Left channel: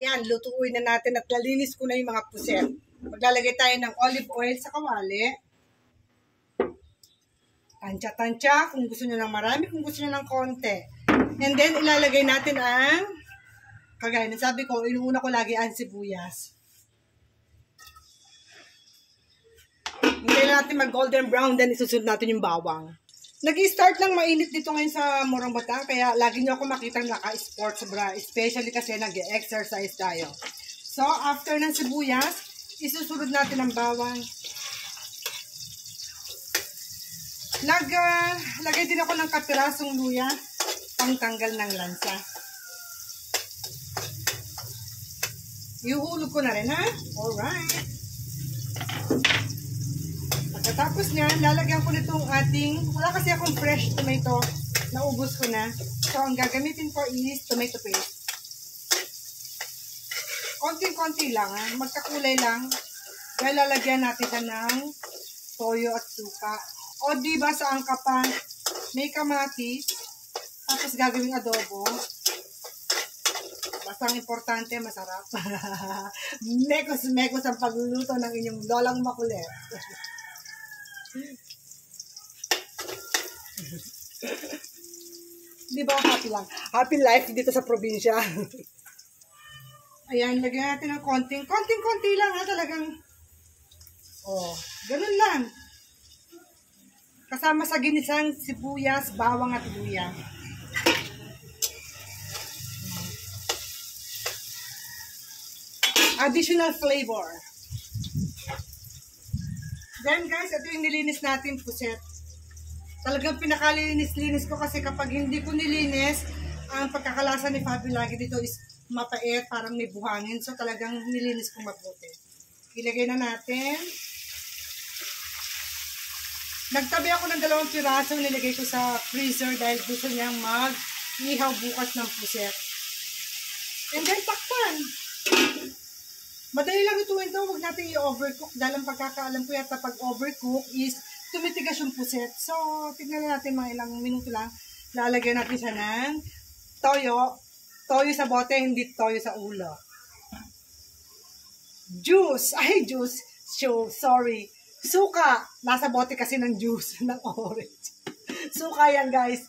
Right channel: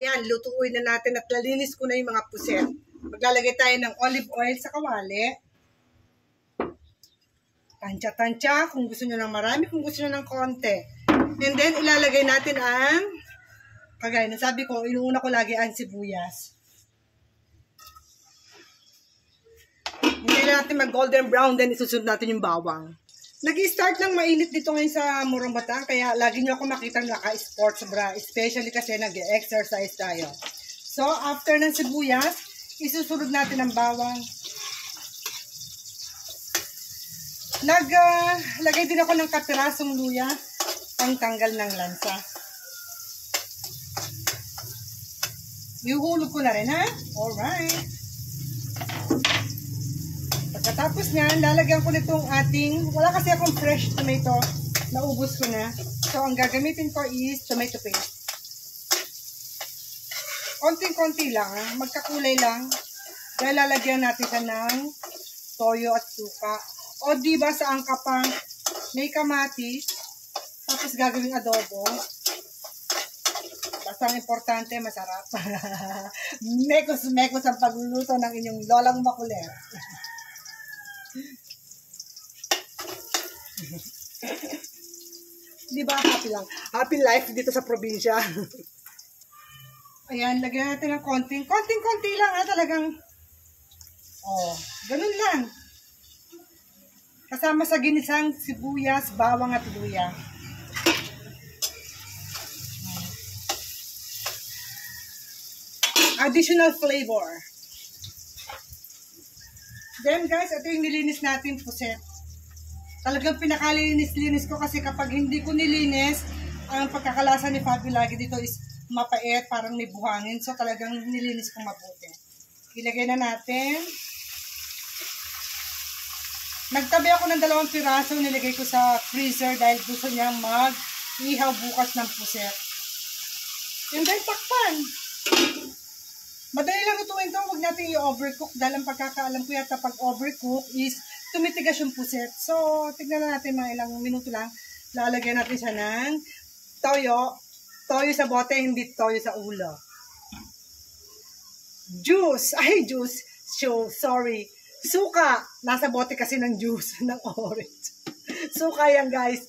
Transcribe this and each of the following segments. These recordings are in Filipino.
Yan, lutuin na natin at lalinis ko na yung mga puset. Maglalagay tayo ng olive oil sa kawali. Tansya-tansya, kung gusto nyo ng marami, kung gusto nyo ng konti. And then, ilalagay natin ang, kagaya na sabi ko, inuuna ko lagi ang sibuyas. Hindi na natin mag-golden brown, then isusunod natin yung bawang. Nag-i-start lang mainit dito ngayon sa Morong Bata, kaya lagi nyo ako makitang naka-sports bra, especially kasi nag-exercise tayo. So, after ng sibuyas, isusunod natin ang bawang. Lagay din ako ng katirasong luya, pang tanggal ng lansa. Ihuhulog ko na rin, ha? Alright. Pagkatapos niyan, lalagyan ko nitong ating, wala kasi akong fresh tomato, naubos ko na. So, ang gagamitin ko is tomato paste. Konting-konti lang, ha? Magkakulay lang. Dahil lalagyan natin siya ng toyo at suka. O, diba sa angka pa, may kamatis, tapos gagawing adobo. Basta ang importante, masarap. Mekos-mekos ang pagluluto ng inyong lolang makulit. Diba happy lang? Happy life dito sa probinsya. Ayan, lagyan natin ng konting-konti lang ha, talagang. Oh, ganun lang. Kasama sa ginisang sibuyas, bawang at luya. Additional flavor. Then guys, ito yung nilinis natin puset. Talagang pinakalinis-linis ko kasi kapag hindi ko nilinis, ang pagkakalasa ni Fabi lagi dito is mapait, parang may buhangin. So talagang nilinis ko mabuti. Ilagay na natin. Nagtabi ako ng 2 piraso, nilagay ko sa freezer dahil gusto niya mag-ihaw bukas ng puset. And then takpan. Madali lang lutuin to, huwag natin i-overcook dahil ang pagkakaalam ko yata pag overcook is tumitigas yung puset. So, tignan na natin mga ilang minuto lang. Lalagyan natin siya ng toyo. Toyo sa bote, hindi toyo sa ulo. Juice. Ay, juice. Sorry. Suka. Nasa bote kasi ng juice ng orange. Suka yan, guys.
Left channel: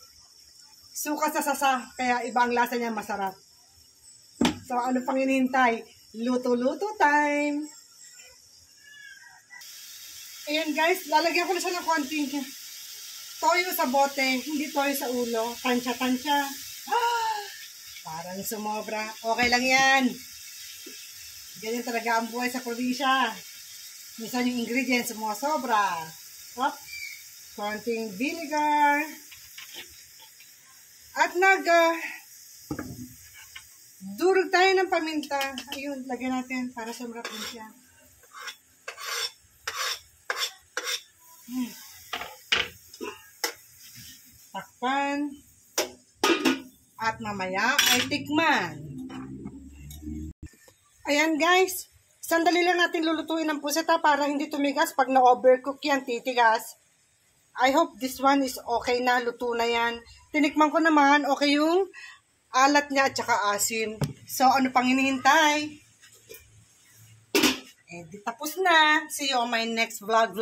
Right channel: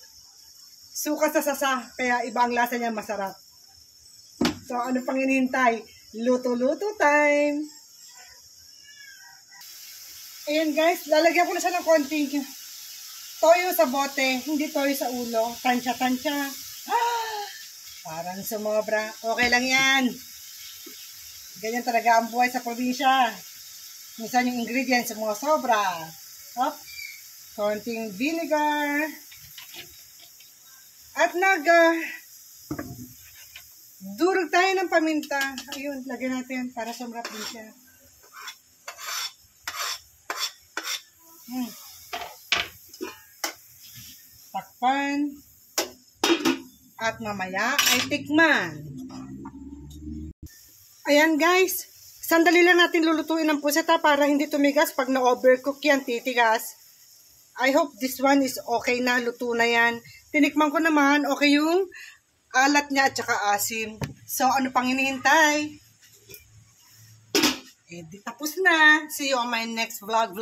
Suka sa sasa. Kaya iba ang lasa niya, masarap. So, ano pang hinihintay? Luto-luto time. Ayan guys, lalagyan ko na siya ng konting toyo sa bote, hindi toyo sa ulo. Tansya-tansya. Parang sumobra. Okay lang yan. Ganyan talaga ang buhay sa probinsya. Minsan yung ingredients sumosobra. Hop. Konting vinegar. At durog tayo ng paminta. Ayun, lagyan natin para sumrap din siya. Takpan. At mamaya ay tikman. Ayan guys. Sandali lang natin lulutuin ang puset para hindi tumigas. Pag na-overcook yan, titigas. I hope this one is okay na. Luto na yan. Tinikman ko naman, okay yung alat niya at saka asim. So, ano pang hinihintay? Eh, di tapos na. See you on my next vlog.